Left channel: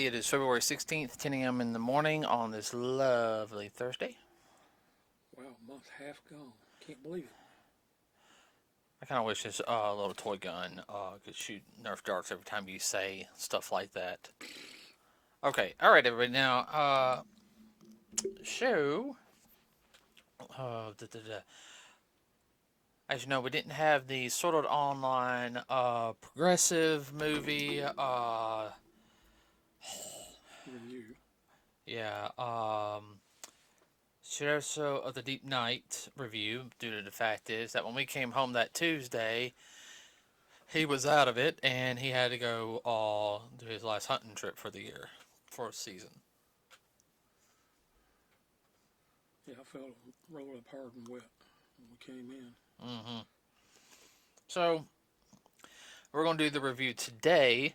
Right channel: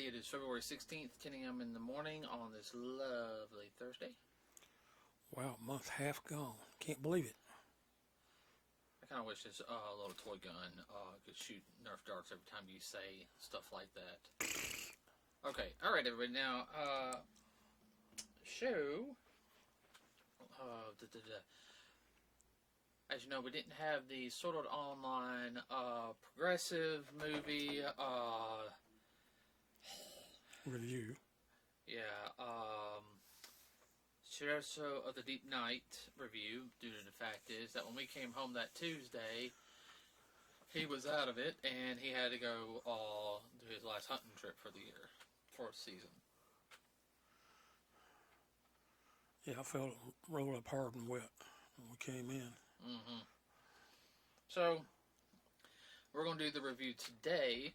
everybody. It is February 16th, 10 a.m. in the morning on this lovely Thursday. Wow, month half gone. Can't believe it. I kind of wish this little toy gun could shoot Nerf darts every time you say stuff like that. Okay, all right, everybody. Now, so, as you know, we didn't have the Sword Art Online progressive movie. Review. Yeah, Scherzo of the Deep Night review, due to the fact is that when we came home that Tuesday, he was out of it, and he had to go do his last hunting trip for the year, for a season. Yeah, I felt it roll up hard and wet when we came in. Mm-hmm. So, we're going to do the review today.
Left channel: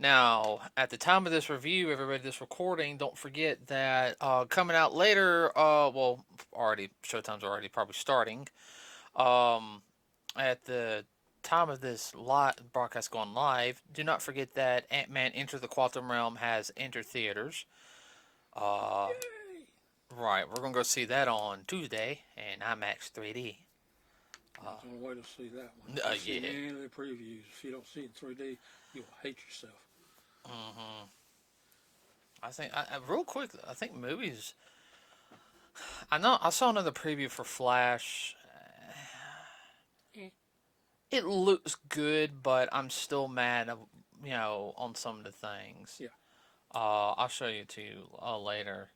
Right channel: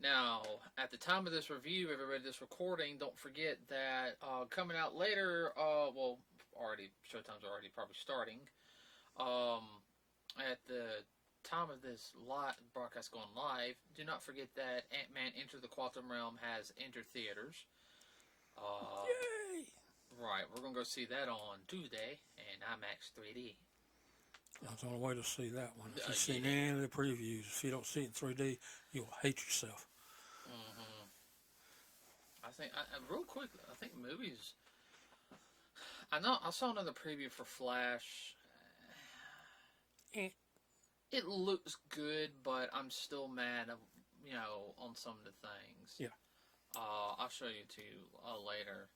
Now, at the time of this review, everybody, this recording, don't forget that coming out later, Showtime's already probably starting. At the time of this broadcast going live, do not forget that Ant-Man Enter the Quantum Realm has entered theaters. Yay! Right, we're going to go see that on Tuesday in IMAX 3D. That's the only way to see that one. If you see any of the previews, if you don't see it in 3D, you'll hate yourself. Mm-hmm. I think, real quick, I think movies... I saw another preview for Flash. It looks good, but I'm still mad, on some of the things. Yeah. I'll show you to later.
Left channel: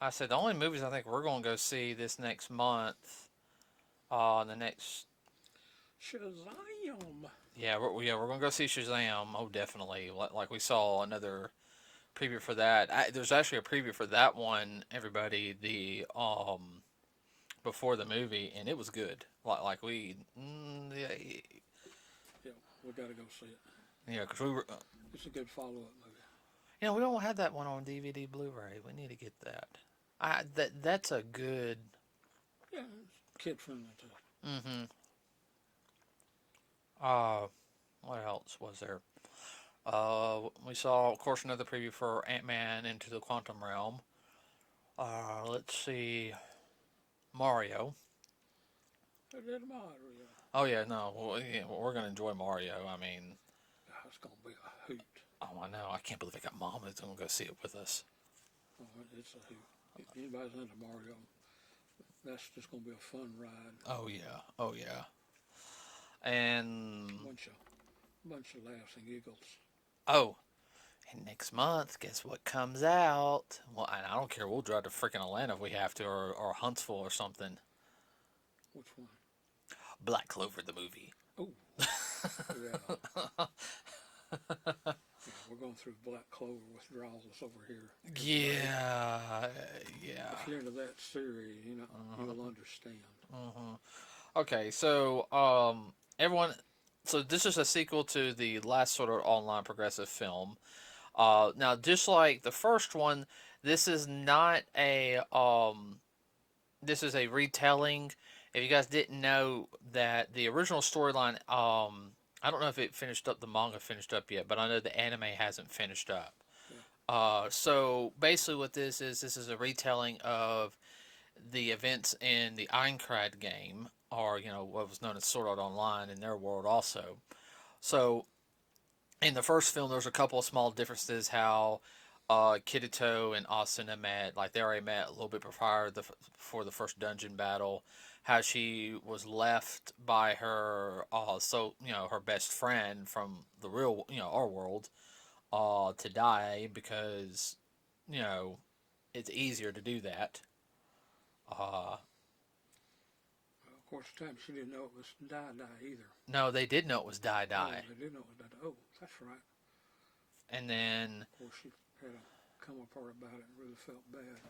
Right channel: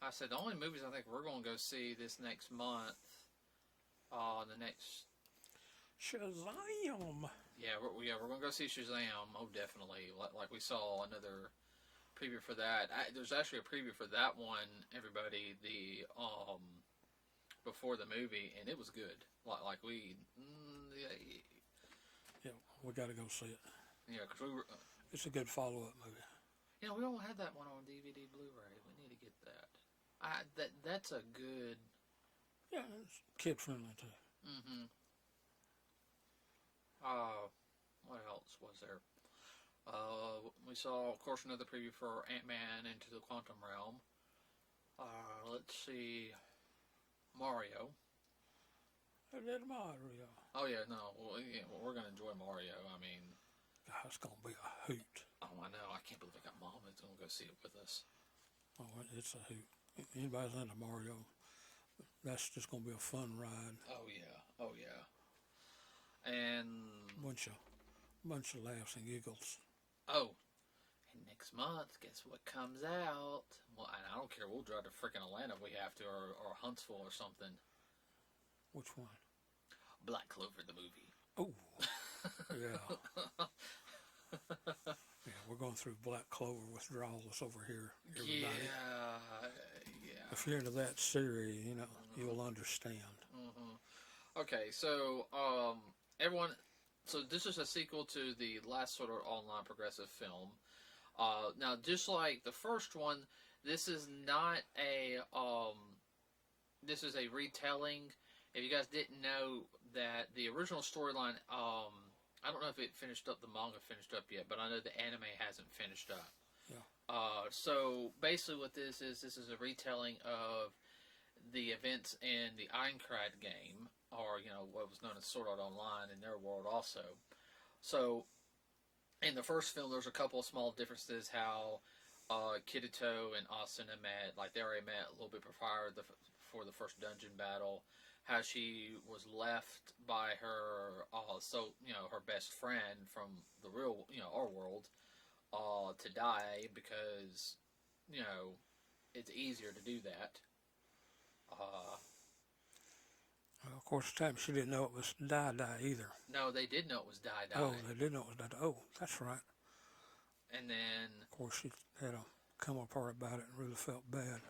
I said the only movies I think we're going to go see this next month, the next... Shazam! Yeah, we're going to go see Shazam. Oh, definitely. Like we saw another preview for that. There's actually a preview for that one, everybody, before the movie, and it was good. Yeah, we got to go see it. Yeah, because we were... it's a good follow-up movie. We don't have that one on DVD Blu-ray. We need to get that. That's a good... Yeah, it's kid-friendly, too. Mm-hmm. What else was there? We saw, of course, another preview for Ant-Man Into the Quantum Realm. Let's see... Mario. I did Mario. Oh, yeah, no. We're going to enjoy Mario. I mean... God, it's going to be a hoot. Oh, I know. I can't believe I got Mom that's going to go see it with us. Oh, it's a hoot. If anybody's into Mario, that's just going to be a fun ride. Oh, yeah. Oh, yeah. And... Bunch of laughs and giggles. Oh, and next month, guess what comes out? Well, and I don't care. We'll drive to freaking Atlanta if we have to, or Huntsville or something. Which one? Black Clover, the movie. Oh, yeah. Yeah, we're going through Black Clover withdrawals over here. Yeah. If you're into that series, you'll understand. Okay, so everyone, so this is a sequel to the last sort of online progressive film. Now, just like the first one, this is not a this is a retelling. If you guys didn't know that the original storyline, I don't know if it finished up, the manga finished up yet, but I know the anime hasn't finished up. Yeah. So basically what this is a retelling of the events in the Aincrad game, or, what was known as Sword Art Online in their world also. So, in the first film, there was a couple of small differences how Kirito and Asuna met. Like, they already met a little bit before the first dungeon battle. How she was left by her, her best friend from the real, our world, to die because, it's easier to do that. Of course, at the time she didn't know it was Die either. No, they did know it was Die. Oh, they did know it was Die. Oh, that's right. And then... Of course, she had to come apart about it and really felt bad.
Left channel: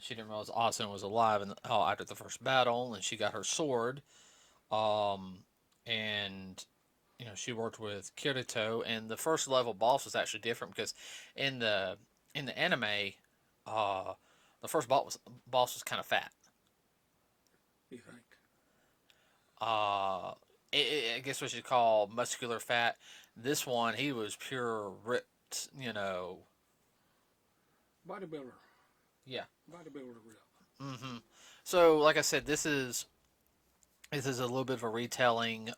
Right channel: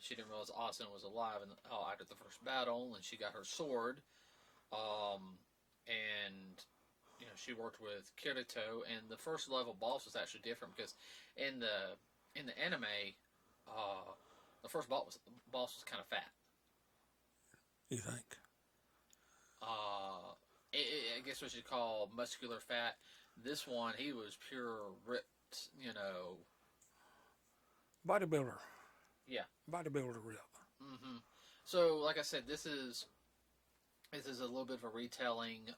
She didn't realize Asuna was alive after the first battle, and she got her sword. And, she worked with Kirito, and the first level boss was actually different because in the anime, the first boss was kind of fat. You think? I guess what you'd call muscular fat. This one, he was pure ripped ripped, Bodybuilder. Yeah. Bodybuilder rip. So, like I said, this is a little bit of a retelling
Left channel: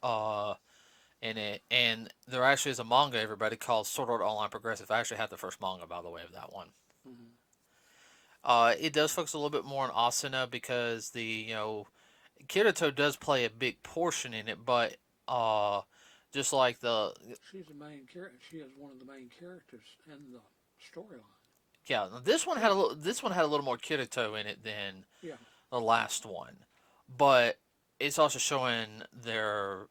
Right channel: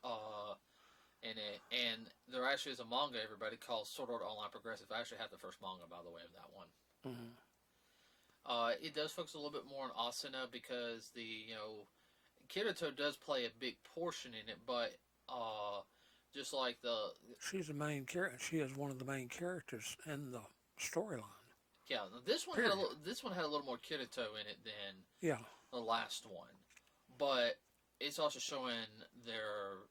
in it, and there actually is a manga, everybody, called Sword Art Online Progressive. I actually have the first manga, by the way, of that one. Mm-hmm. It does focus a little bit more on Asuna because Kirito does play a big portion in it, but just like She's the main character. She is one of the main characters in the storyline. yeah, this one had a Period. little more Kirito in it than Yeah. the last one, but it's also showing their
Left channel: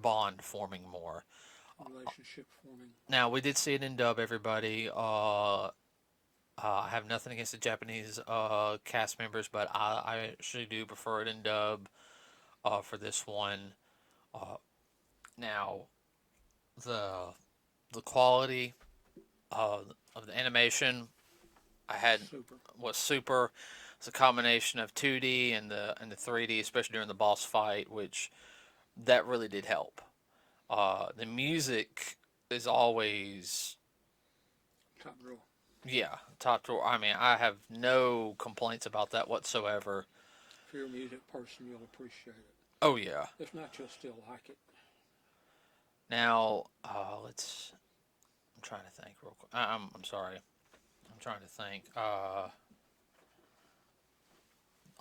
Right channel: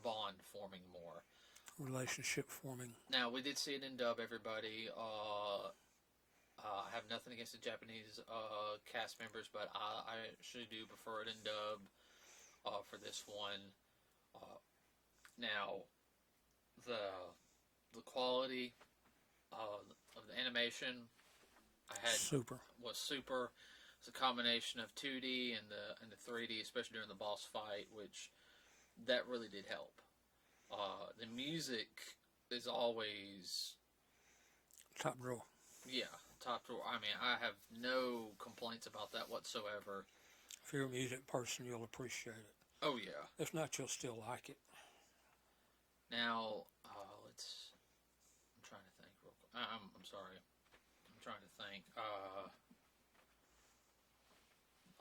bond forming more. Relationship forming. Now we did see it in dub, everybody. I have nothing against the Japanese cast members, but I actually do prefer it in dub for this one. Uh, Now the the quality of the animation I had Super. was super. It's a combination of 2D and the 3D, especially during the boss fight, which that really did help. The music is always, Top drawer. yeah, top drawer. I mean, I have no complaints about that whatsoever. If you're a music person, you'll appreciate it. Oh yeah. If not, you'll still like it. Now let's. I'm trying to think real quick. I'm sorry. I'm trying to think. I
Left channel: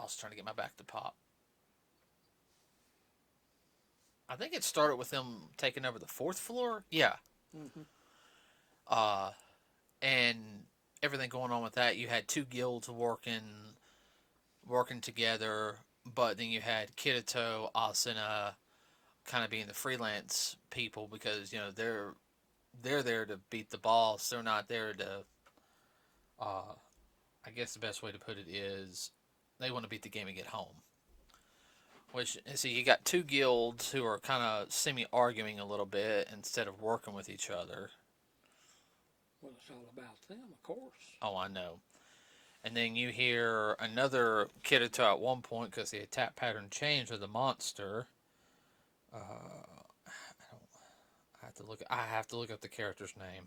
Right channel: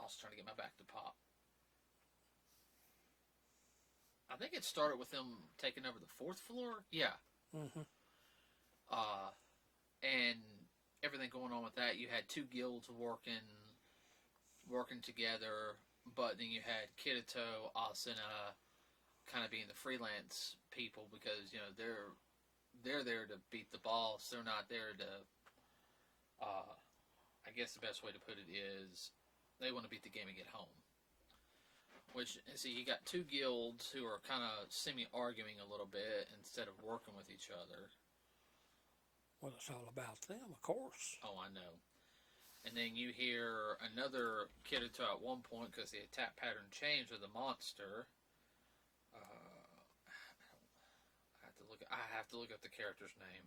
was trying to get my back to pop. I think it started with them taking over the fourth floor. Yeah. Mm-hmm. Uh, and everything going on with that. You had two guilds working together, but then you had Kirito, Asuna, kind of being the freelance people because they're there to beat the boss. They're not there to. I guess the best way to put it is they want to beat the game and get home. Which, see, you got two guilds who are kind of semi-arguing a little bit instead of working with each other. Well, it's all about them, of course. Oh, I know. And then you hear another Kirito at one point because the attack pattern changed with the monster. I have to look up the character's name.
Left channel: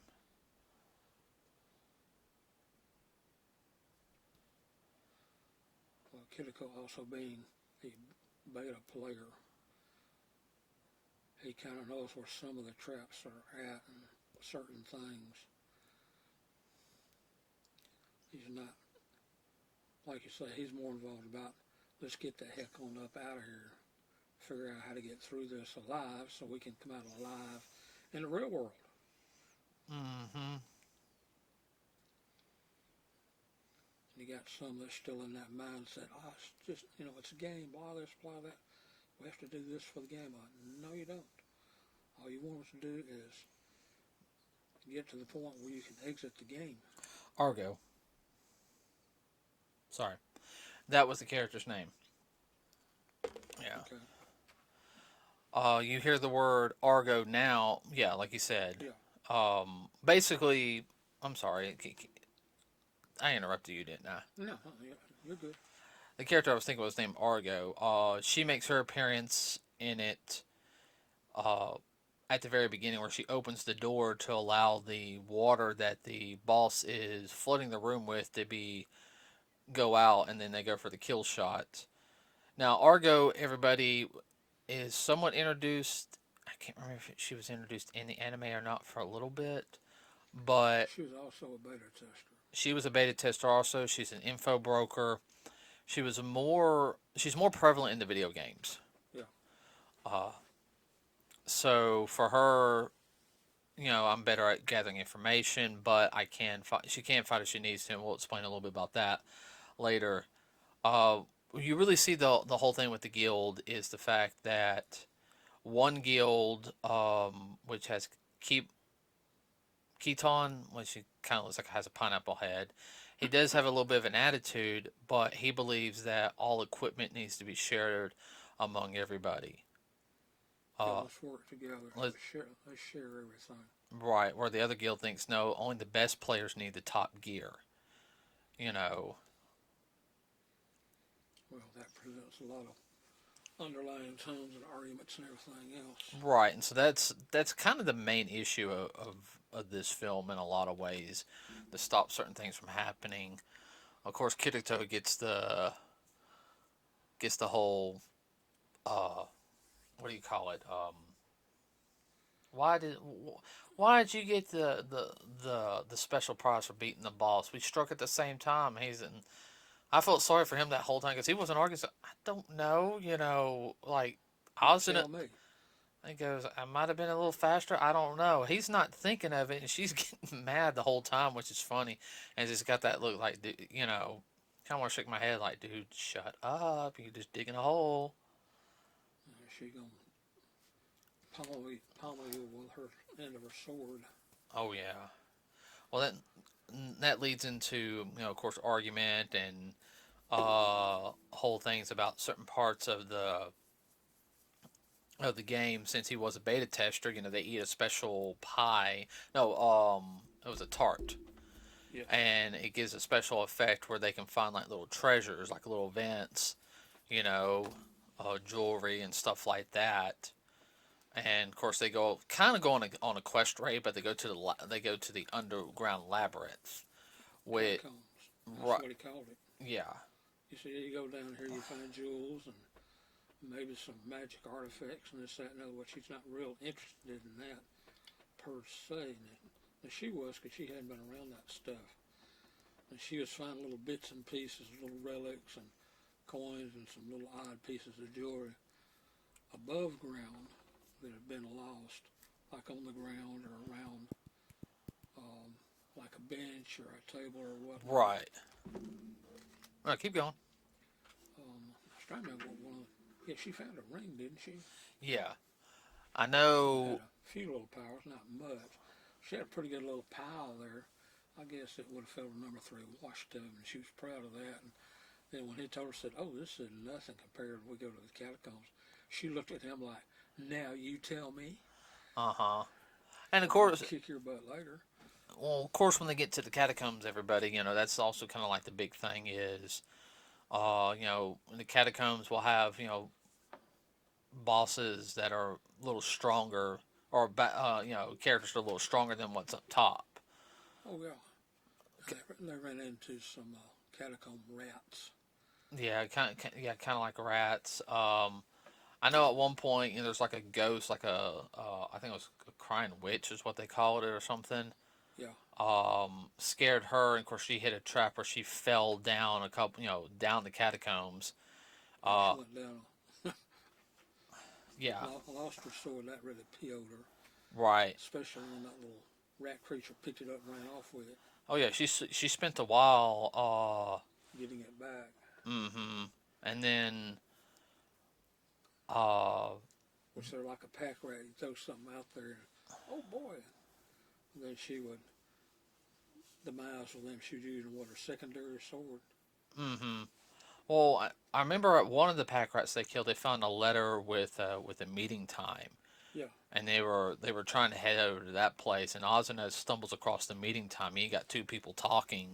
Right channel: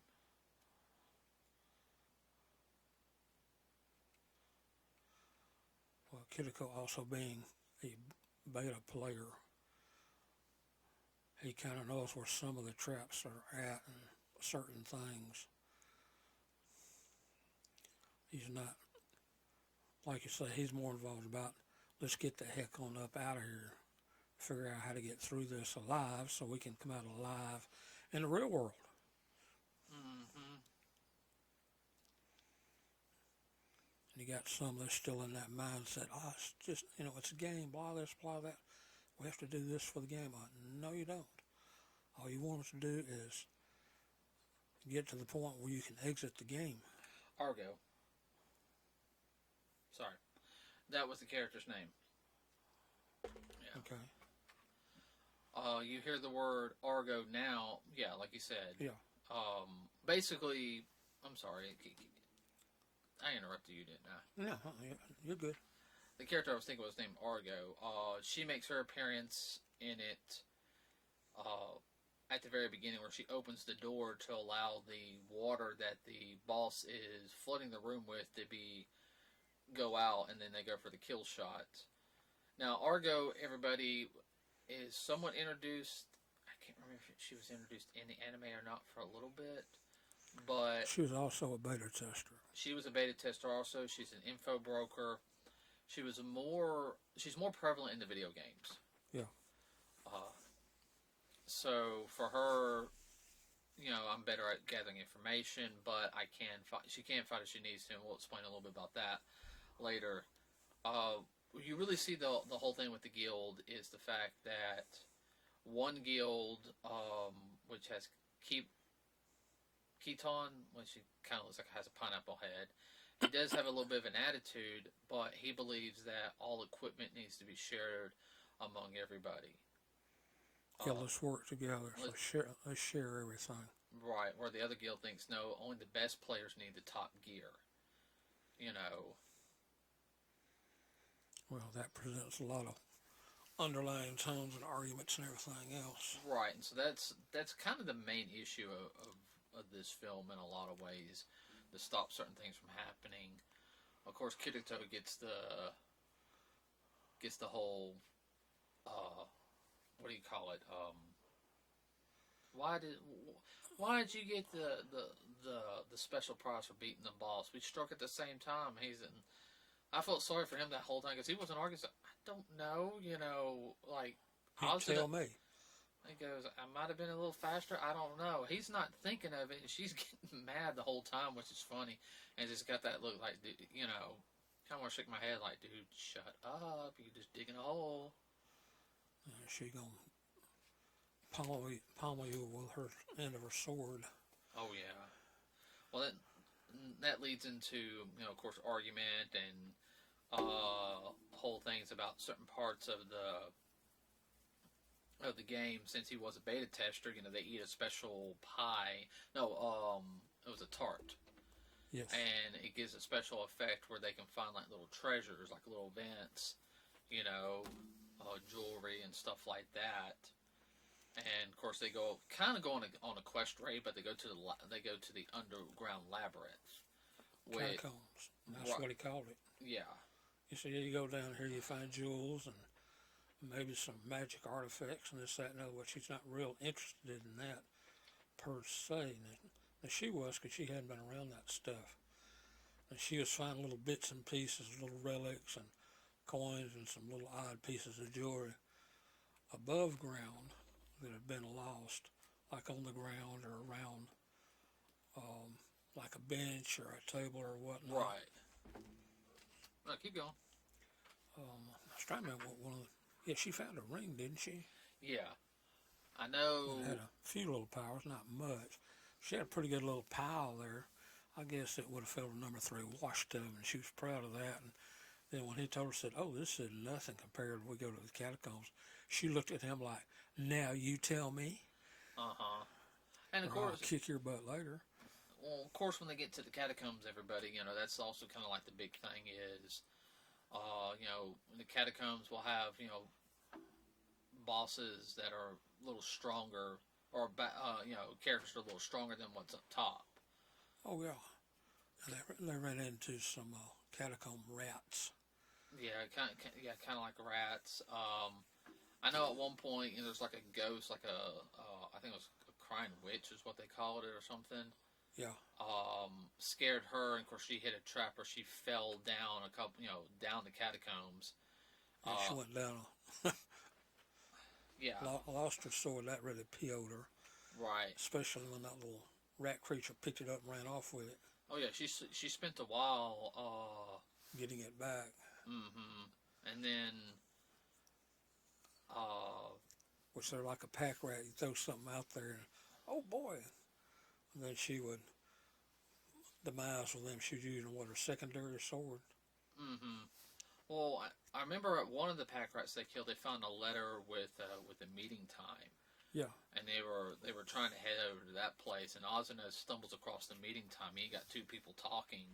Well, Kiriko also being a beta player, he kind of knows where some of the traps are at and certain things. He's not, like you say, he's more involved about let's get the heck on up out of here, figure out how to get through this alive so we can come out alive in the real world. Mm-hmm. And you got some that's still in that mindset. Oh, it's just, it's a game, blah this, blah that. We have to do this for the game. No, you don't. All you want us to do is get to the point where you can exit the game. Argo. Sorry. That was the character's name. Yeah. Okay. You hear the word Argo now. Yeah, like you said. Yeah. Basically, I'm sorry. I interrupted you, didn't I? No, you're good. The character I was thinking was named Argo. She makes her appearance in it at the very beginning where she opens the door to allow the water that the boss is flooding the room with to go out, and then they go for the kill shot. Now, Argo, everybody, is somewhat introduced. I can't remember if she was introduced in the anime or not for a little bit, but she was also a beta tester. She was a beta tester also. She's an info broker. She's more prevalent in the video games. Yeah. So for her, I'm better at gathering information, but I can fight. She can fight if she needs to, and we'll explain a little bit about that later. You really see the whole thing with the guild is the fact that one guild, which has Keaton, which he kind of looks like has a pineapple head. He does have a little bit of an attitude, but he believes that all equipment needs to be shared among everybody. Yeah, let's work together. Let's share everything. Right, where the other guild thinks, no, only the best players need the top gear. Well, that presents a lot of underlying tones and arguments and everything else. Right, and so that's kind of the main issue of of this film in a lot of ways to stop certain things from happening. Of course, Kirito gets the whole uh, what do you call it? Why did why did you get the special prize for beating the boss? We struck at the same time. I felt sorry for him that whole time because he wasn't arguing. So, I don't know, like You I was in a. tell me. He goes, I might have been a little faster. I don't know. He's not thinking of it, and she's getting mad the whole time, which is funny. And just got that look like, kind of want to shake my head like, dude, shut up. You're just digging a hole. She gonna pummel you with her end of her sword. Oh yeah. Well, that leads into of course, argument and whole things about certain parts of the game. Since he was a beta tester, they eat a special pie. No, it was a tart, Yes. and it gives a special effect where they can find like little treasures, like little vents, you know, jewelry and stuff like that. And of course, they go on a quest raid, but they go to the underground labyrinth, which Catacombs. That's right, what he called it. yeah, You see, you go down here, you find jewels and maybe some magic artifacts and this, that, and other, which she's not real interested in that per se. And she was, because she hadn't been around that stuff. And she was finding little bits and pieces, little relics and coins and some little odd pieces of jewelry above ground that had been lost, like on the ground or around, like a bench or a table or whatnot. right. All right, keep going. I was trying to remember what one of the, yeah, she found a ring, didn't she? Yeah, I Had know. a few little powers, not much. She had a pretty good little pile there. I guess it would have filled a number 3 washtub, and she was proud of that. And then when he told her, said, "Oh, this is nothing compared when we go to the catacombs," she looked at him like, "Now you tell me, Uh huh. And of or I'll course, kick your butt later." when they get to the catacombs, everybody, that's also kind of like the big thing is, in the catacombs we'll have bosses that are a little stronger, or characters that are a little stronger than what's up top. Oh yeah, and they ran into some catacomb rats. Yeah, kind of like rats. I know at one point, there's like a ghost, like I think it was a crying witch is what they called it or something. Yeah, Scared her, and of course she hit a trap where she fell down a couple, down the catacombs. yeah, she Uh, went down. yeah, Lost her sword. That really PO'd her, right. especially when that little rat creature picked it up and ran off with it, Oh yeah, she spent a while. getting it back. Mm-hmm. And then, uh, Which they're like a pack rat. You throw something out there, and oh boy, and then she would demise with them. She'd use her secondary sword. mm-hmm. Well, I remember at one of the pack rats they killed, they found a letter with a meeting time, Yeah, and they were trying to head over to that place, and Ozuna stumbles across the meeting time. And you got two people talking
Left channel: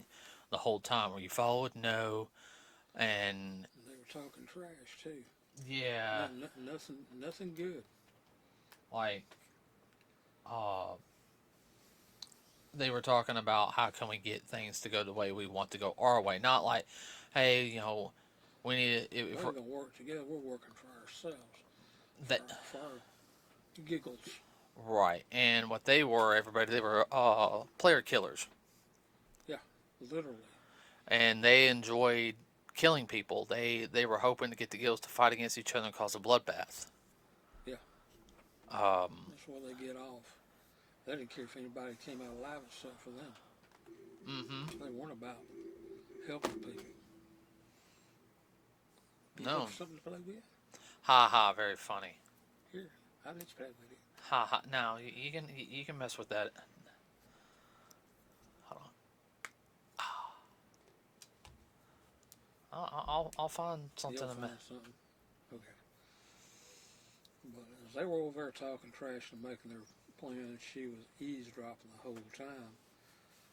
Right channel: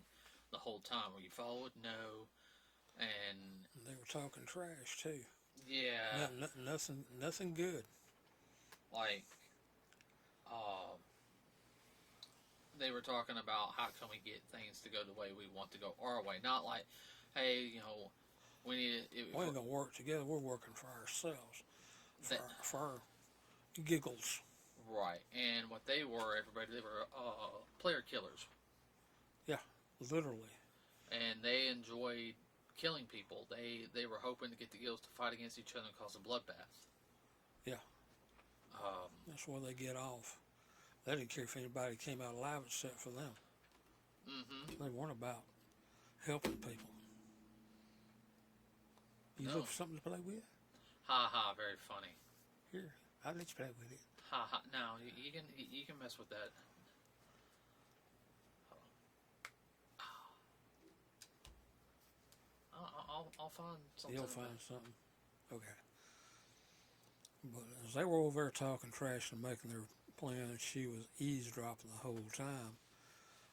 the whole time. Were you followed? No. And and they were talking trash too. yeah, Nothing good. like uh, they were talking about how can we get things to go the way we want to go our way, not like, hey, we need We if ain't gonna work together. We're working for ourselves, that for our giggles. right. And what they were, everybody, they were player killers, Yeah, literally. and they enjoyed killing people. They were hoping to get the guilds to fight against each other and cause a bloodbath. Yeah, Um, that's where they get off. They didn't care if anybody came out alive except for them. mm-hmm. They weren't about helping people. You No, look for something to play with? ha ha, very funny. Here, I'll let you play with it. Ha ha. Now you can mess with that. Hold on. I'll find something. You'll find something. Okay. But as they were over there talking trash and making their plans, she was eavesdropping the whole time.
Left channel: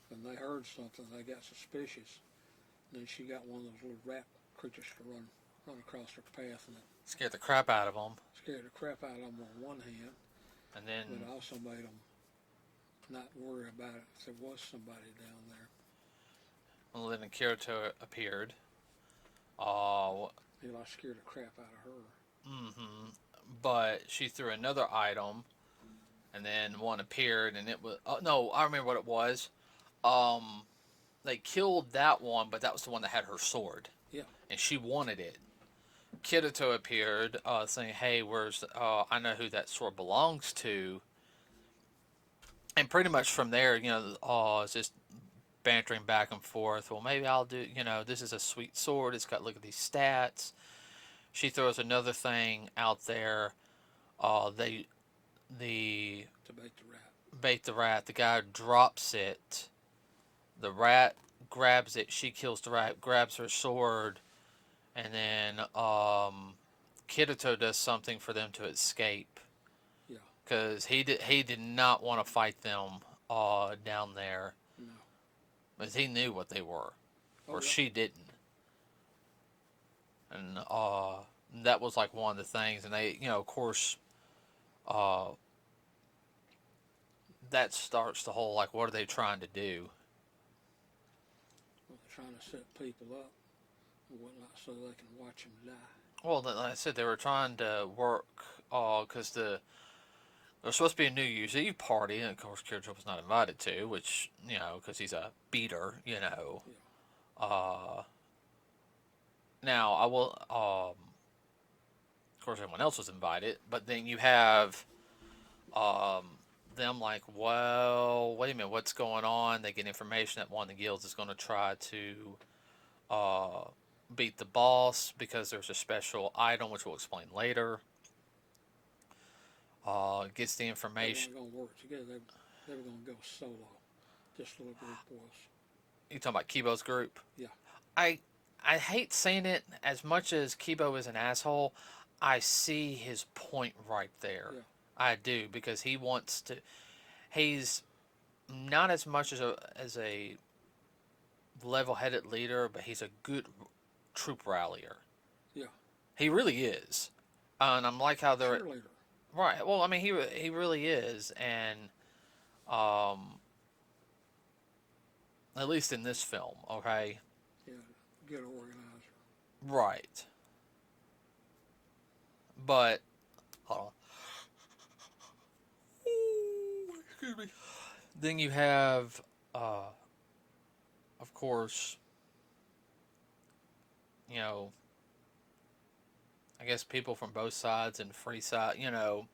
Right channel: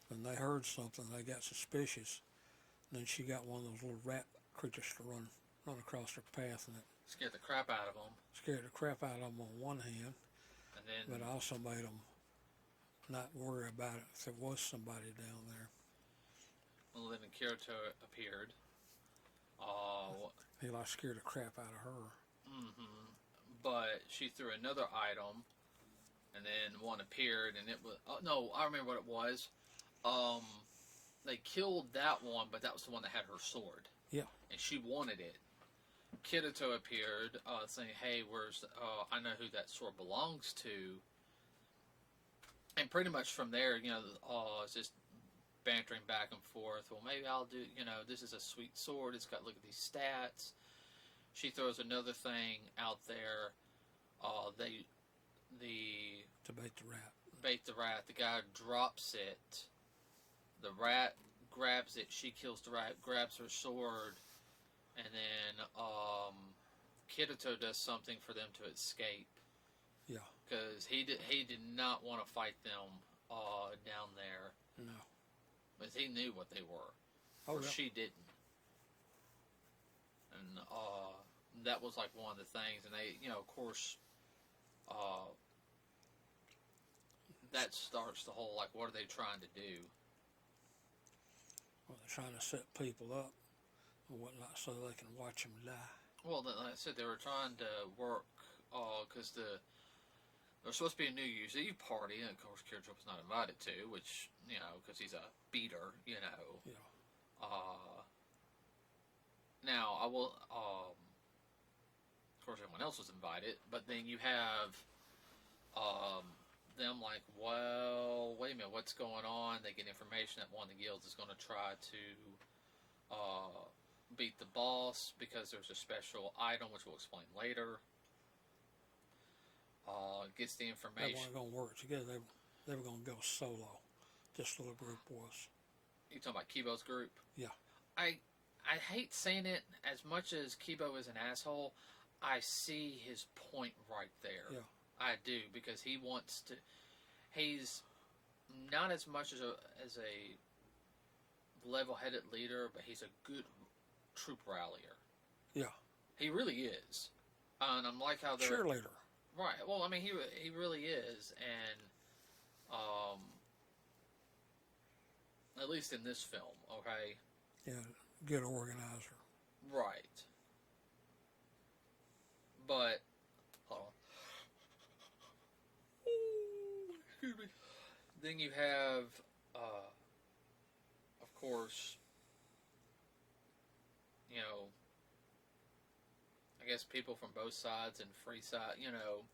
When they heard something, they got suspicious. And then she got one of those little rat creatures to run across her path, and it Scared the crap out of them, scared the crap out of them on one hand, and then but it also made them not worry about it if there was somebody down there. And then Kirito appeared. Uh, He like scared the crap out of her. but she threw another item, and then one appeared, and it was no, I remember what it was. Um, they killed that one, but that was the one that had her sword, Yeah. and she wanted it. Kirito appeared, saying, "Hey, where's? I know who that sword belongs to." And pretty much from there, it's just bantering back and forth. Well, maybe I'll do. This is a sweet sword. It's got look at these stats. She throws another thing out there. They the To bait the rat. bait the rat. The guy drops it. The rat grabs it. She kills the rat. Grabs her sword, and then Kirito does something for them to escape. Yeah. Because he did not want to fight them down there. No. Because he knew what they were, Oh, or yeah. she didn't. And that was like one of the things. And they, of course, uh, that starts the whole like, what are they trying to do? Well, they're trying to set people up and whatnot so they can watch them die. Well, like I said, they were trying to work because there's supposed to be a New Year's Eve party, and of course, Kirito was not invited to, which because he's a beater, Yeah. Uh, now I will. Of course, everyone else was invited, but then you have um, them like, well, wait a minute, what's going on? They get information that one of the guilds is going to try to beat the boss because there's a special item, which we'll explain later. Gets the They information. weren't going to work together. They were going to go solo. This little group was. You talking about Kibo's group? Yeah. I I hate saying it as much as Kibo is an asshole. I see his point right there. Yeah. I do because he wants to. He's not as much as a level-headed leader, but he's a good troop rallier. Yeah. He really is, and I'm like how they're Cheerleader. right. Well, I mean, he really is, and um, at least in this film, okay, Yeah. Good organizer. right. But hold on. Ooh, excuse me. Then you have, of course, you know, I guess people from both sides and free side. I know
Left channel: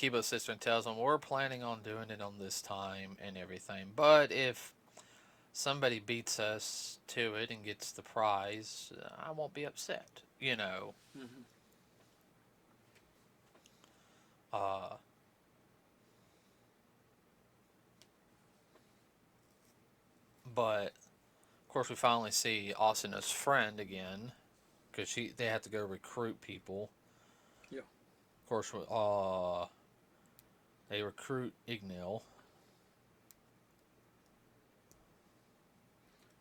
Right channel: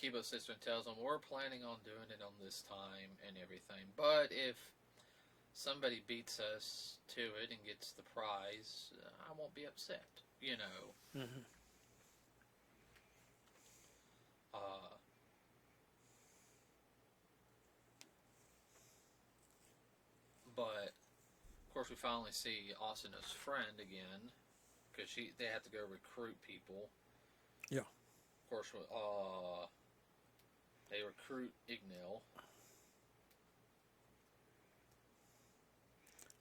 Kibo's sister tells them we're planning on doing it on this time and everything. But if somebody beats us to it and gets the prize, I won't be upset. Mm-hmm. Uh, but of course, we finally see Asuna's friend again because they have to go recruit people. Yeah. Of course, they recruit Ignil.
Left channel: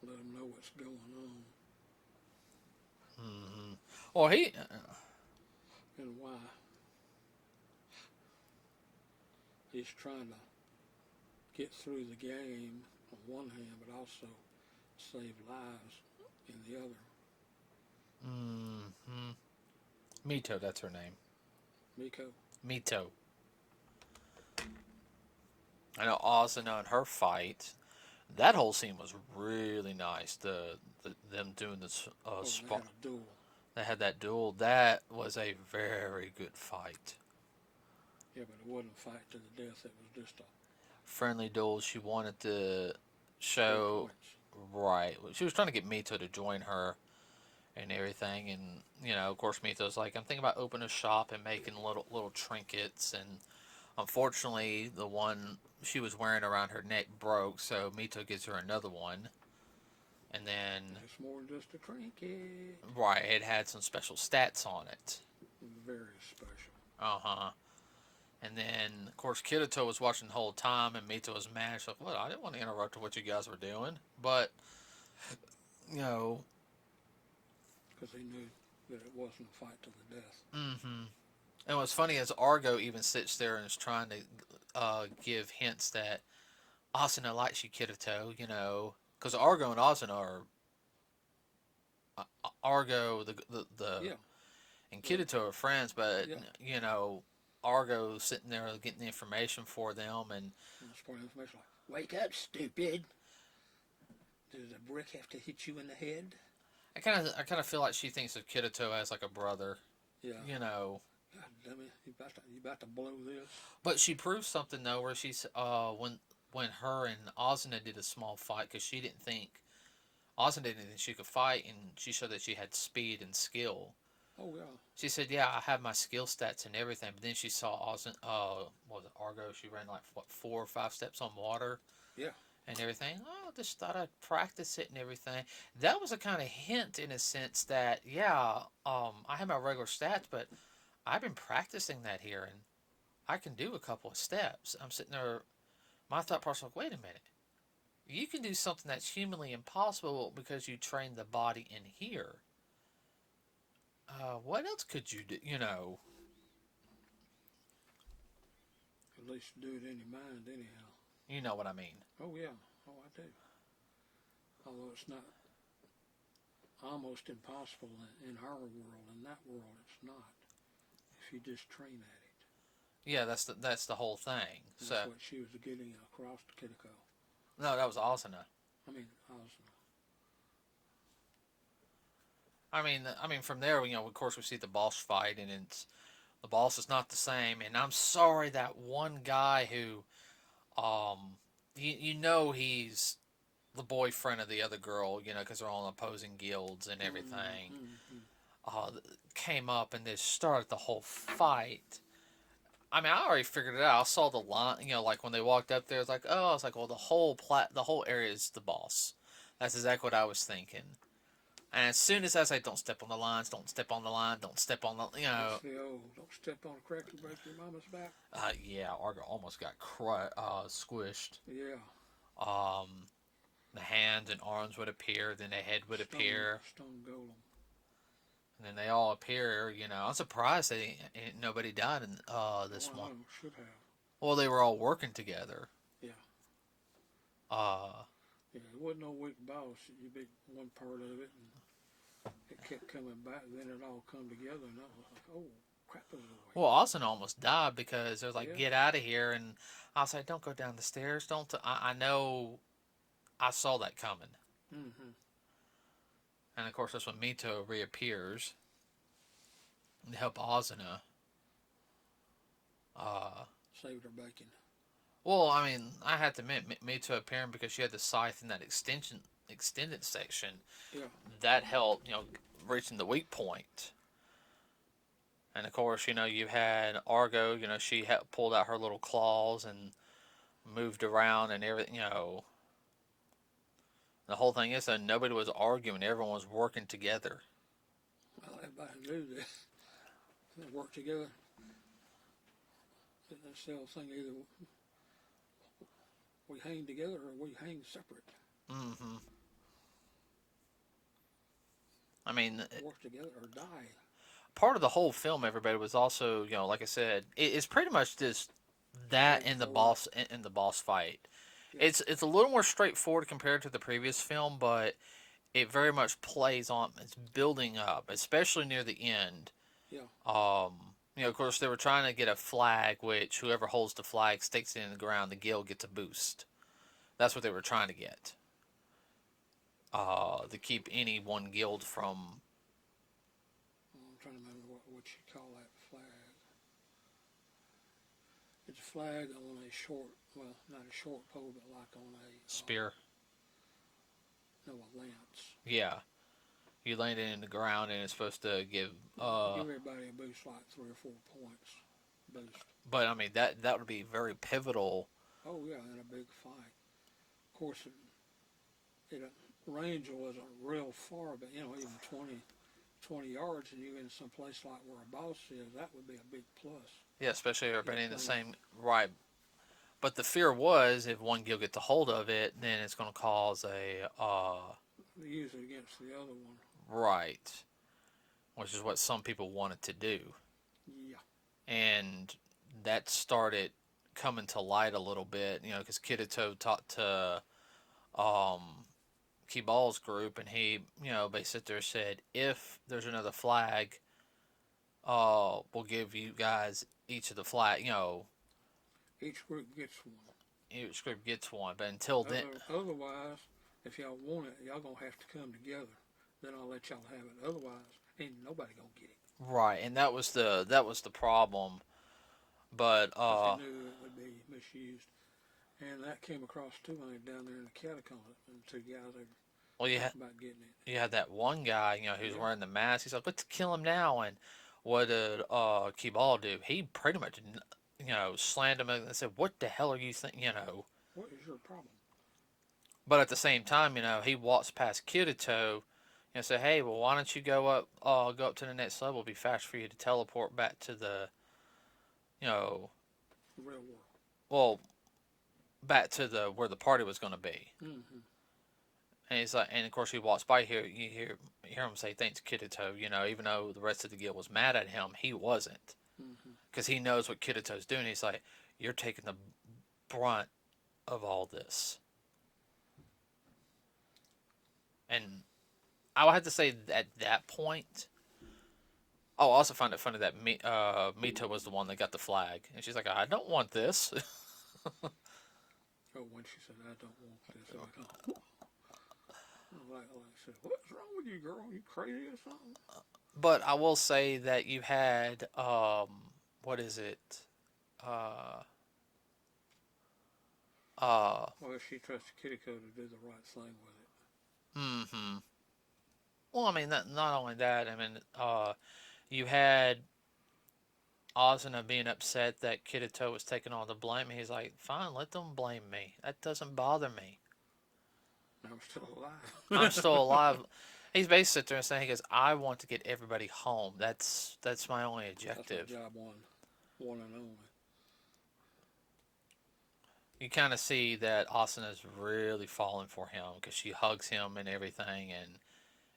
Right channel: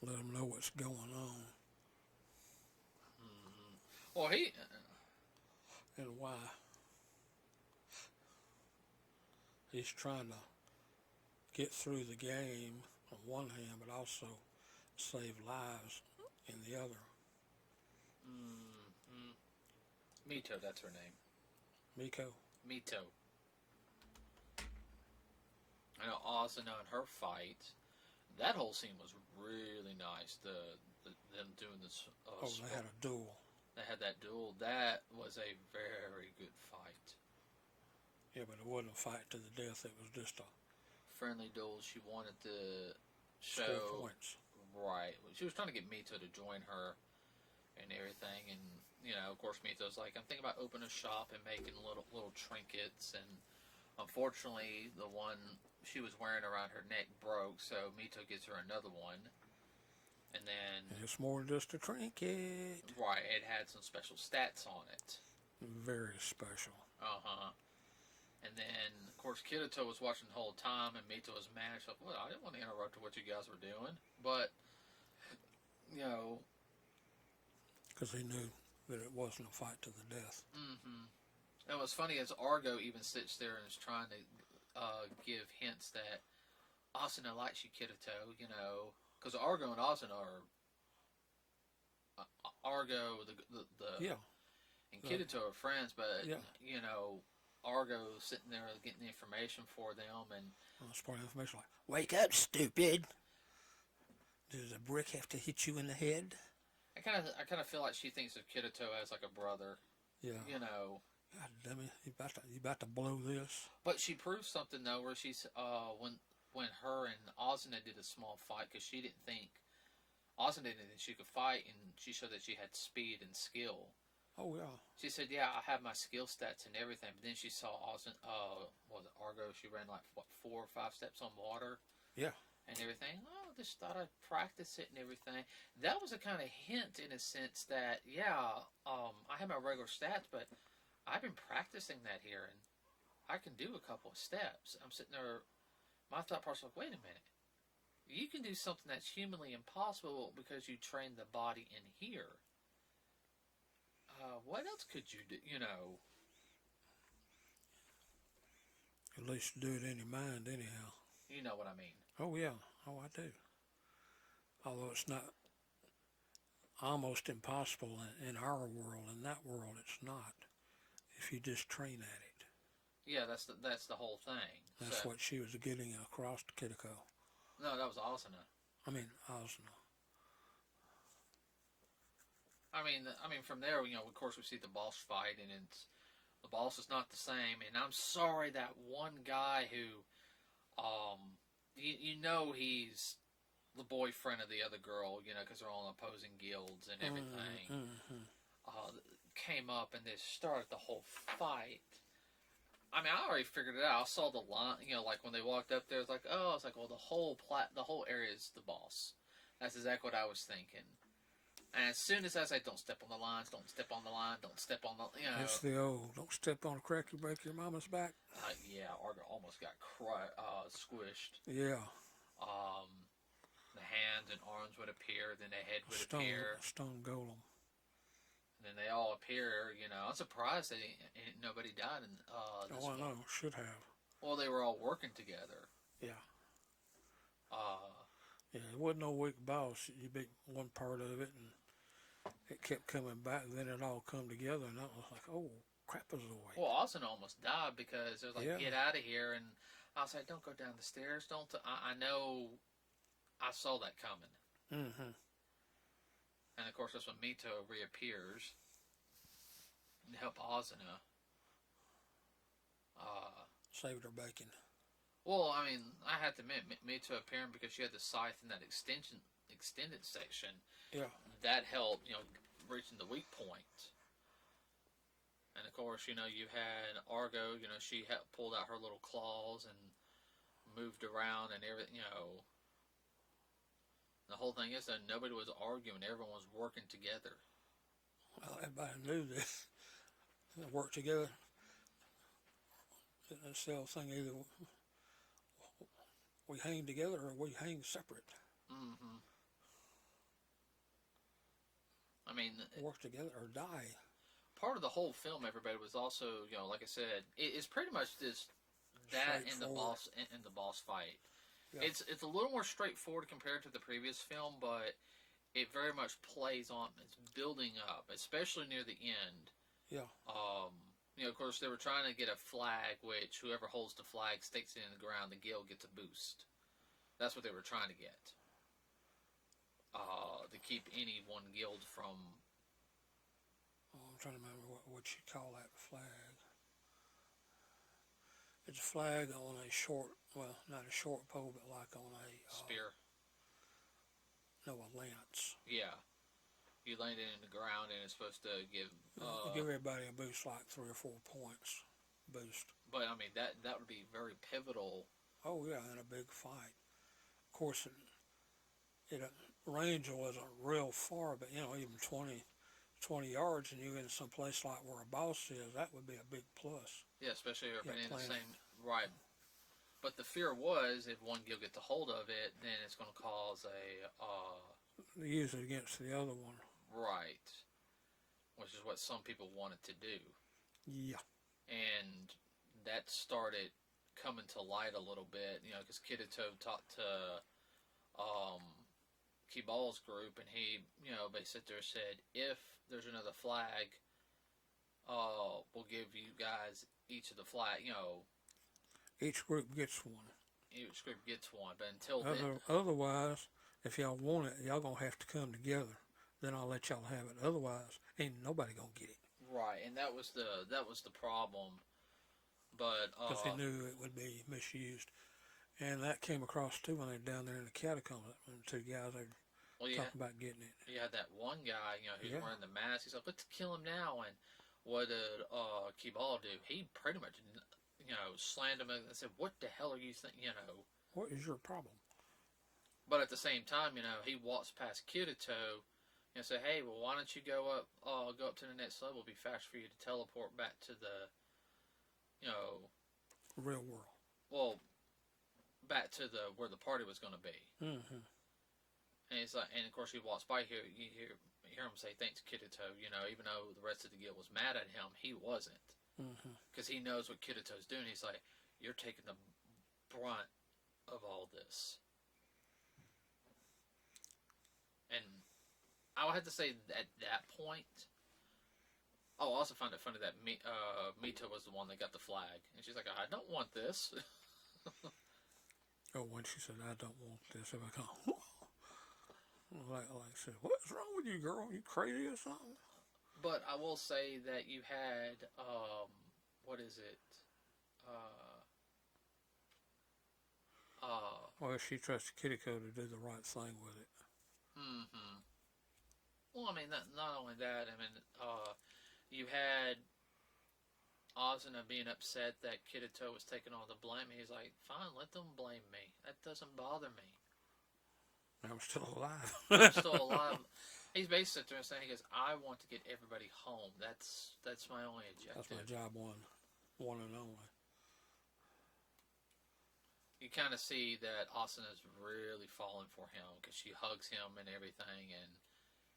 Let them know what's going on Well, he and why. He's trying to get through the game on one hand, but also save lives in the other. mm-hmm. Mito, that's her name. Miko. Mito. I know Asuna and her fight. That whole scene was really nice. Them doing this They had a duel. They had that duel. That was a very good fight. Yeah, but it wasn't a fight to the death. It was just a Friendly duel. She wanted to score show points. right. She was trying to get Mito to join her and everything, and of course, Mito's like, I'm thinking about opening a shop and making little trinkets, and unfortunately, the one she was wearing around her neck broke, so Mito gives her another one. And then, It's more than just a trinket. right, it had some special stats on it. Very special. Uh-huh. And then, of course, Kirito was watching the whole time, and Mito was mad. She's like, well, I didn't want to interrupt what you guys were doing. But, you know... Because he knew that it wasn't a fight to the death. Mm-hmm. And what's funny is Argo even sits there and is trying to give hints that Asuna likes you, Kirito. You know, because Argo and Asuna are Argo Yeah. and Uh, Kirito are friends, but yeah. you know, Argo's sitting there getting the information for them, and That's part of the information. Like, wake up, stupid. Does a brick have to hit you in the head? I kind of feel like she thinks of Kirito as like a brother, Yeah. you know. God damn it! You about to blow this? But she proved something though, where she's when her and Asuna did a small fight because she didn't think Asuna didn't think she could fight, and she showed that she had speed and skill. Oh yeah. She said, "Yeah, I have my skill stats and everything." But then she saw Asuna, what was it, Argo? She ran like what 4 or 5 steps on water Yeah. and everything. Oh, just thought I'd practice it and everything. That was a kind of hint in a sense that yeah, I have my regular stats, but I've been practicing that here, and I can do a couple of steps. I'm sitting there. My thought process was, wait a minute. You can do something that's humanly impossible because you train the body in here. What else could you do? You know, At least do it in your mind, anyhow. you know what I mean. Oh yeah. Oh, I do. Although it's not almost impossible in our world. In that world, it's not. If you just train at it. Yeah, that's the whole thing. So That's what she was getting across to Kitiko. no, that was Asuna. I was. I mean, from there, you know, of course, we see the boss fight, and it's the boss is not the same. And I'm sorry that one guy who, you know, he's the boyfriend of the other girl, you know, because they're all in opposing guilds and everything. Mm-hmm. Uh, came up and they started the whole fight. I mean, I already figured it out. I saw the line, you know, like when they walked up there, it's like, oh, it's like, well, the whole area is the boss. That's exactly what I was thinking. And as soon as I say, don't step on the lines, don't step on the line, don't step on the, you know, That's the old don't step on a crack you break your mama's back. yeah, Argo almost got squished. Yeah. Um, the hands and arms would appear, then the head would appear, Stone golem. and then they all appear. You know, I'm surprised nobody died in this Oh, I one. know. Should have. Well, they were all working together. Yeah. Uh, Yeah. It wasn't no weak boss. You beat one part of it, and it kept coming back. And then it all come together, and I was like, oh, crapazoid. well, Austin almost died because they was like, Yeah. get out of here, and I was like, don't go down the stairs. Don't. I know. I saw that coming, Mm-hmm. and of course that's when Mito reappears to help Asuna. Uh, Saved her bacon. well, I mean, I had to admit Mito appearing because she had the scythe in that extended section. Yeah. That helped, you know, reaching the weak point. And of course, you know, you had Argo. You know, she pulled out her little claws and moved around and everything. You know, the whole thing is that nobody was arguing; everyone was working together. Well, everybody knew that. They worked together. It's the old thing, either we hang together or we hang separate. Mm-hmm. I mean, Work together or die. part of the whole film, everybody was also, you know, like I said, it's pretty much just that in the boss fight. Yeah. It's a little more straightforward compared to the previous film, but it very much plays on. It's building up, especially near the end. Yeah. You know, of course, they were trying to get a flag, which whoever holds the flag sticks it in the ground. The guild gets a boost. That's what they were trying to get. To keep any one guild from. Oh, I'm trying to remember what you call that flag. It's a flag on a short, well, not a short pole, but like on a Spear. No, a lance. Yeah. You land it in the ground and it's supposed to give. Give everybody a boost, like 3 or 4 points boost. But I mean that would be very pivotal. Oh yeah, in a big fight. Of course, range wasn't real far, but even 20 yards, and you're in some place like where a boss is, that would be a big plus. Yeah, especially everybody in the playing. same right. But the fear was if one guild gets a hold of it, then it's going to cause a They use it against the other one. right, which is what some people wanted to do, Yeah. and that started coming to light a little bit, because Kirito talked to um, Kibal's group, and he, basically said, if there's another flag, we'll give you guys each of the flag, Each group gets one. each group gets one, but until then, Otherwise, if y'all want it, y'all gonna have to come together. Then I'll let y'all have it. Otherwise, ain't nobody gonna get it. right, and that was the problem, but Because he knew it would be misused. And that came across too when they were down there in the catacombs. And the two guys they well, you had talking about getting it. you had that one guy, who's Yeah. wearing the mask. He's like, let's kill him now, and what did Kibal do? He pretty much, slammed him and said, "What the hell are you thinking?" What is your problem? But at the same time, he walks past Kirito and say, "Hey, well, why don't you go up to the next level? It'll be faster for you to teleport back to the, you know, Real world. well, back to the where the party was going to be." Mm-hmm. And he's like, and of course he walks by here. You hear him say, "Thanks, Kirito." Even though the rest of the guild was mad at him, he wasn't, Mm-hmm. because he knows what Kirito's doing. He's like, "You're taking the brunt of all this," and I would have to say at that point. Oh, I also found it funny that Mita was the one that got the flag, and she's like, "I don't want this." Oh, when she said, "I don't want this," I'm like, oh. Like I said, what's wrong with you, girl? You crazy or something? But I will say that you had what is it? Uh, uh, Well, she trusts Kittyco to do the right thing with it. hmm. Well, I mean, not only that. I mean, you had Ozuna being upset that Kirito was taking all the blame. He's like, "Fine, let them blame me. That doesn't bother me. I'm still alive. I'm still alive." He's basically sitting there and saying, "He goes, I want to get everybody home. That's my only That's my objective." job one and only. You kind of see that Asuna's really falling for him because she hugs him and everything, and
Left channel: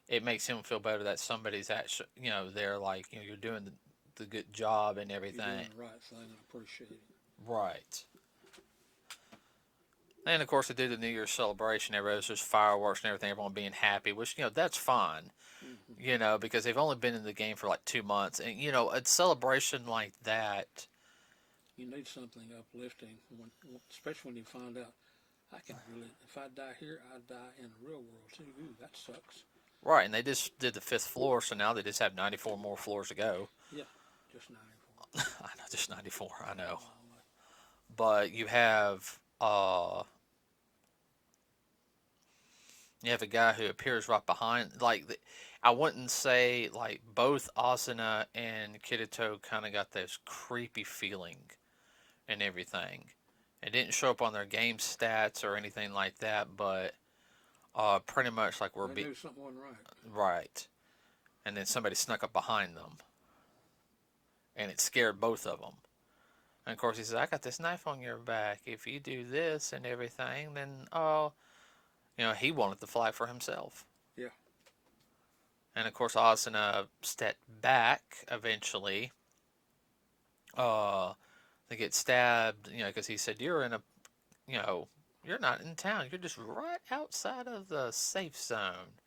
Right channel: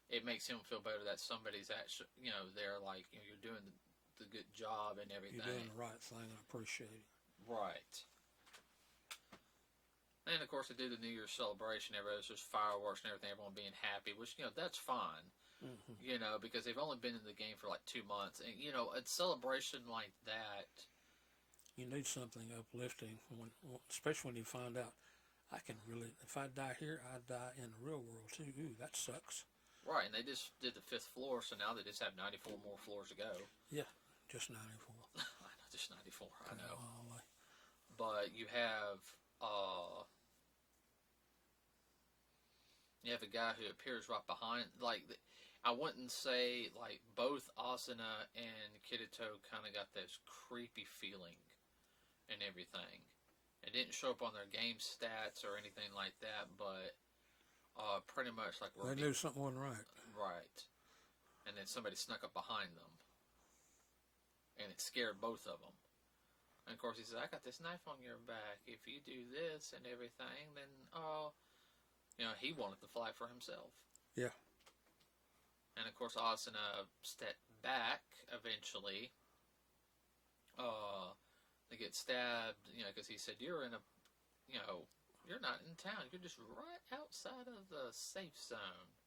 it makes him feel better that somebody's actually, they're like, you're doing the good job and everything. You're doing the right thing. I appreciate it. Right. And of course, they do the New Year's celebration. Everybody's just fireworks and everything. Everyone being happy, which that's fine. Mm-hmm. Because they've only been in the game for like 2 months, and a celebration like that. You need something uplifting, especially when you find out I can really. If I die here, I die in the real world too. Ooh, that sucks. Right, and they just did the fifth floor, so now they just have 94 more floors to go. Yeah, just 94. I know, just 94. I know, Oh, but you have a guy who appears right behind. I wouldn't say like both Asuna and Kirito kind of got this creepy feeling and everything. It didn't show up on their game stats or anything like that, but pretty much like they knew something wasn't right. right. And then somebody snuck up behind them, and it scared both of them. And of course, he says, "I got this knife on your back. If you do this and everything, then he wanted the flag for himself." Yeah. And of course, Asuna stepped back eventually. They get stabbed, because he said, "You're in a, you're not in town. You're just right outside of the safe zone."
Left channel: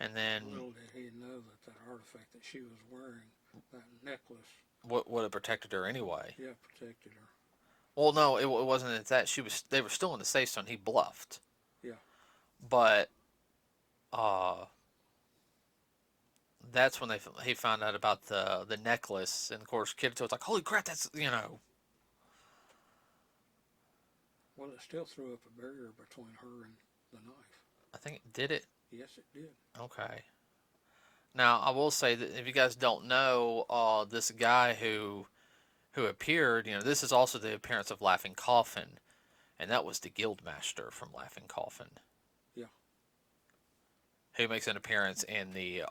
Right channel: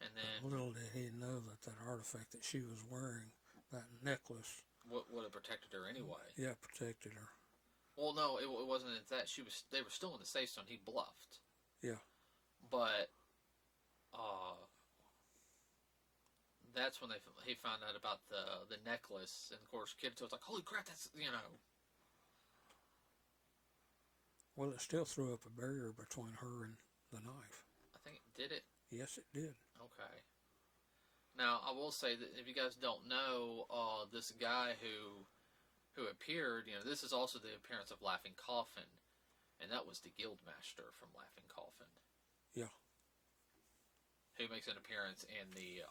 And then, little did he know that artifact that she was wearing, that necklace, what would have protected her anyway? yeah, protected her. Well, no, it wasn't that. They were still in the safe zone. He bluffed. Yeah. But that's when he found out about the necklace, and of course Kirito was like, "Holy crap, that's." Well, it still threw up a barrier between her and the knife. I think it did it. Yes, it did. Okay. Now I will say that if you guys don't know, this guy who appeared, this is also the appearance of Laughing Coffin, and that was the Guildmaster from Laughing Coffin. Yeah. Who makes an appearance in the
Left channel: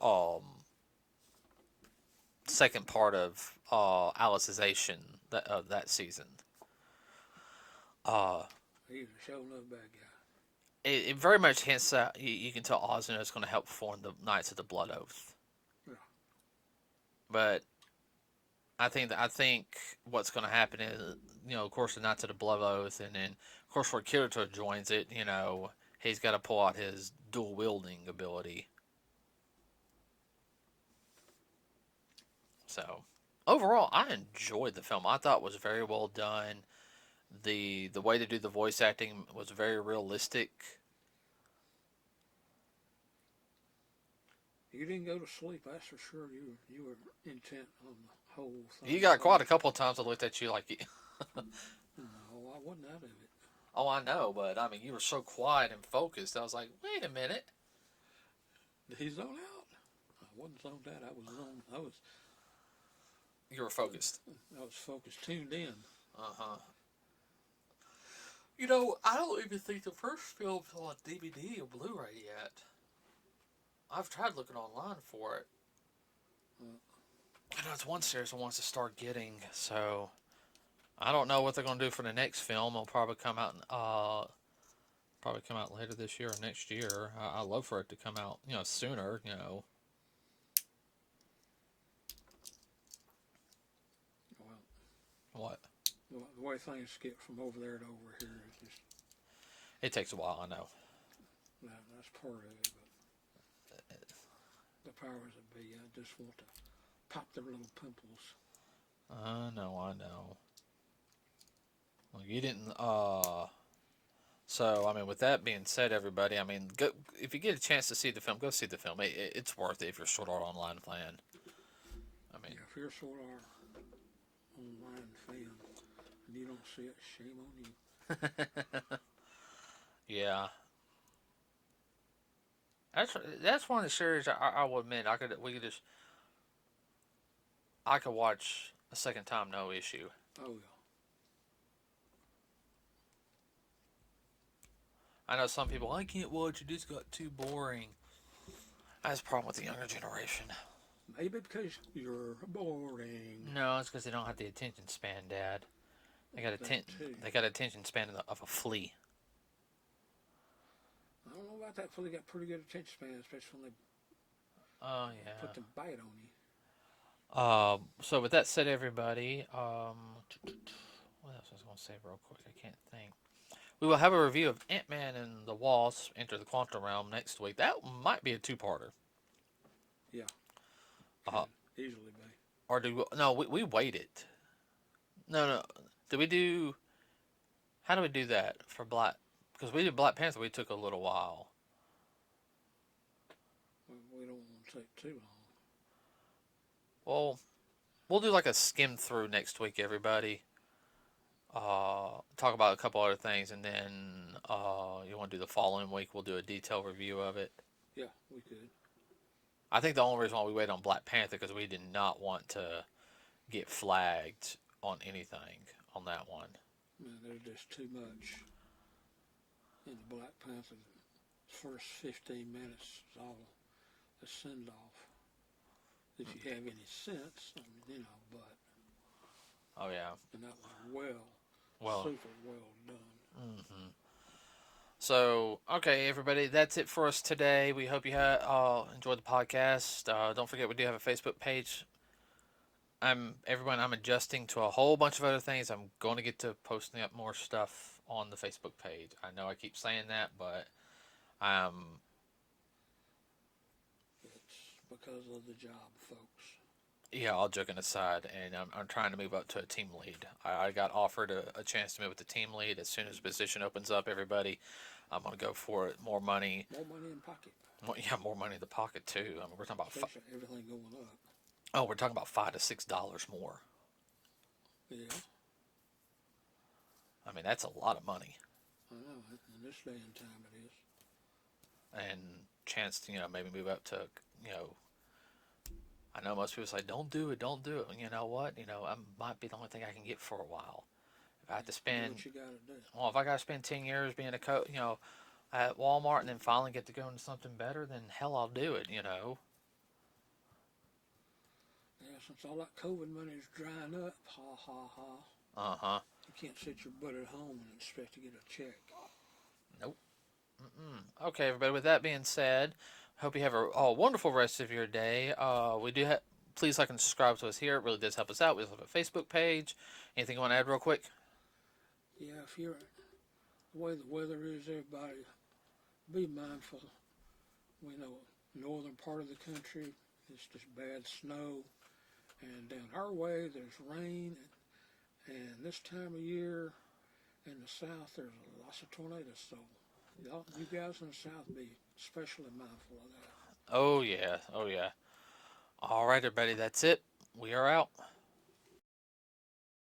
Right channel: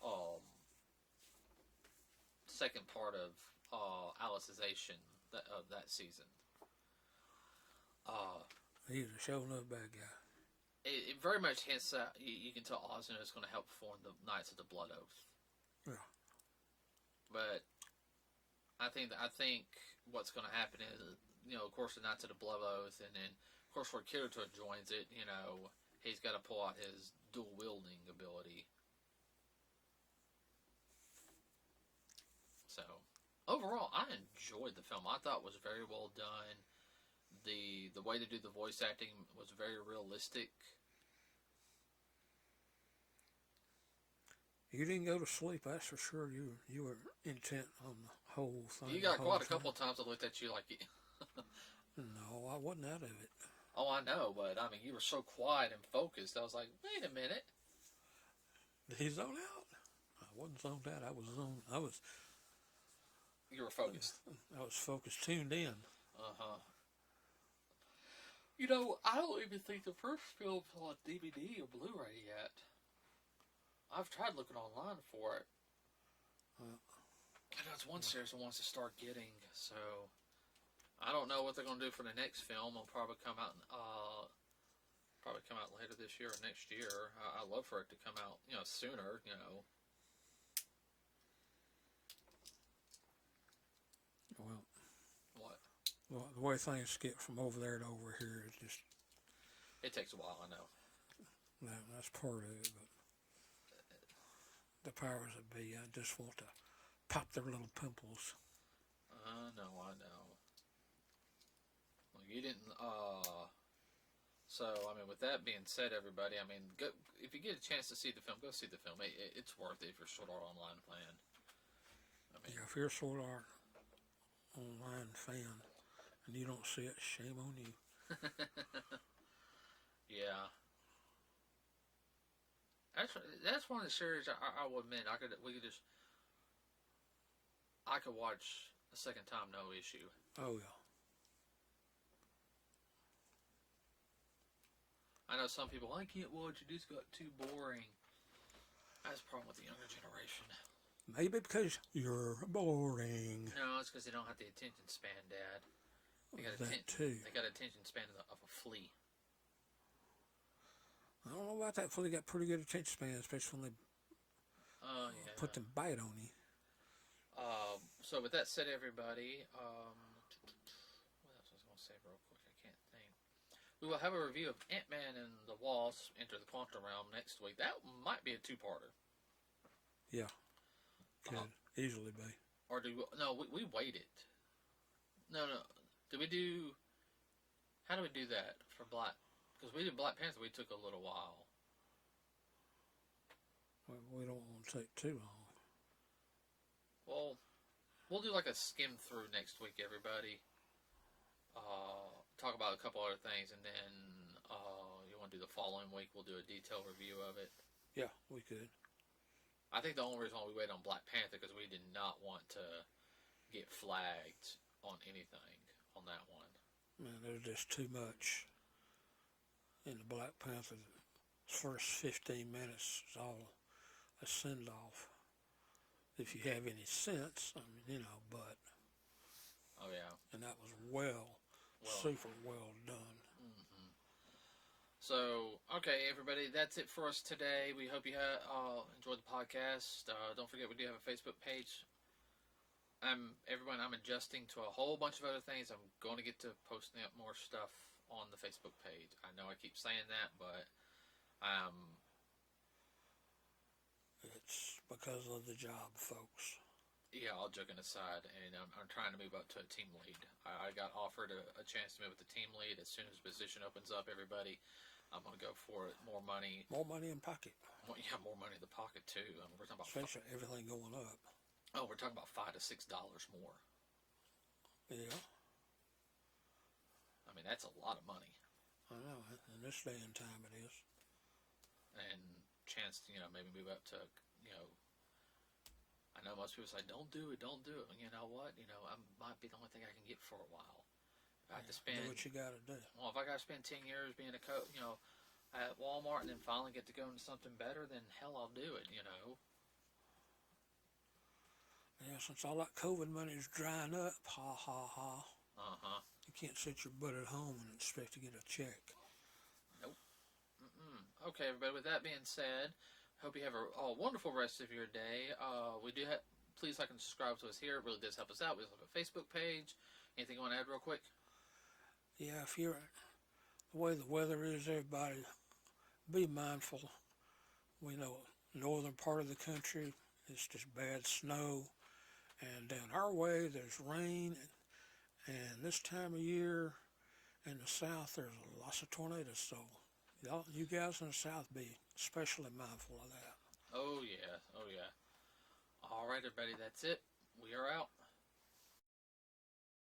second part of Alicization of that season. He's a showing up bad guy. It very much hints that you can tell Ozuna is going to help form the Knights of the Blood Oath. Yeah. But I think what's going to happen is, of course, the Knights of the Blood Oath, and then of course where Kirito joins it, he's got to pull out his dual wielding ability. So overall, I enjoyed the film. I thought it was very well done. The way to do the voice acting was very realistic. You didn't go to sleep, that's for sure. You were intent on the whole thing. You got quite a couple of times I looked at you like, No, I wasn't out of it. oh, I know, but I mean, you were so quiet and focused. I was like, wait a minute. Did he zone out? I wasn't zoned out. I was zoned. You were focused. I was focused, tuned in. Uh huh. I don't even think the first film's on DVD or Blu-ray yet. I've tried looking online for it. I know it's one series I wants to start getting, so I don't know what they're gonna do for the next film. It'll probably come out, later this year or next year. I love for it to come out, sooner. Well, What? the way things skip from over there to over here is just It takes a while, I know. that's part of it. But the powers that be, I just want to pop their little pimples. I know. Well, you didn't. So I mean, with that being said, everybody, I mean, go if you get a chance to see the film, go see the film. It's worth it if you're Sword Art Online fan. I mean, Yeah, if you're a Sword Art Online fan and you don't see it, shame on you. yeah, that's one of the series I will admit I could watch a second time, no issue. Oh yeah. I know some people, I can't watch it, it's got too boring. That's a problem with the younger generation. Maybe because you're boring. No, it's because they don't have the attention span, Dad. They got attention span of a flea. I don't know about that. Before they got pretty good attention span, especially when they Oh yeah. put the bite on you. So with that said, everybody, what else was I going to say real quick? I can't think. We will have a review of Ant-Man and the Wasp: Enter the Quantum Realm next week. That might be a two-parter. Yeah, could easily be. Or no, we waited. No. Did we do? How do we do that for Black? Because we did Black Panther. We took a little while. We don't want to take too long. Well, we'll do like a skim through next week, everybody. Talk about a couple other things, and then you want to do the following week. We'll do a detailed review of it. Yeah, we could. I think the only reason why we waited on Black Panther because we did not want to get flagged on anything on that one. Man, there's just too much in the Black Panther. First 15 minutes is all a send off. If you have any sense, I mean, but. Oh yeah. And that was super well done. Mm-hmm. So, okay, everybody, that's it for us today. We hope you enjoyed the podcast. Don't forget, we do have a Facebook page. I'm adjusting to a whole bunch of other things. I'm going to get to posting up more stuff on the Facebook page. I know I keep saying that, but it's because of the job, folks. Yeah, all joking aside, and I'm trying to move up to a team lead. I got offered a chance to move to team lead as soon as the position opens up. Everybody, I'm gonna go for it. More money. More money in pocket. More money in the pocket too. I mean, we're talking about everything going up. Oh, we're talking about $5 to $6 more. Yeah. I mean, that's a lot of money. I know. In this day and time, it is. And chance to maybe move up to I know most people say, don't do it. You know what? I might be the only thing I can get for a while. If I have to spend... Do what you gotta do. Well, if I gotta spend 10 years being a coach, at Walmart and then finally get to go into something better, then hell, I'll do it, Yeah, since all that COVID money is drying up, ha ha ha. Uh-huh. You can't sit your butt at home and expect to get a check. Nope. Okay, everybody, with that being said... Hope you have a wonderful rest of your day. We do please like and subscribe to us here. It really does help us out. We also have a Facebook page. Anything you want to add real quick? Yeah, if you're the way the weather is, everybody be mindful. We know northern part of the country it's just bad snow, and down our way there's rain, and this time of year in the south there's lots of tornadoes. So y'all, you guys in the south, be especially mindful of that. Oh, yeah. Oh, yeah. All right, everybody. That's it. We are out.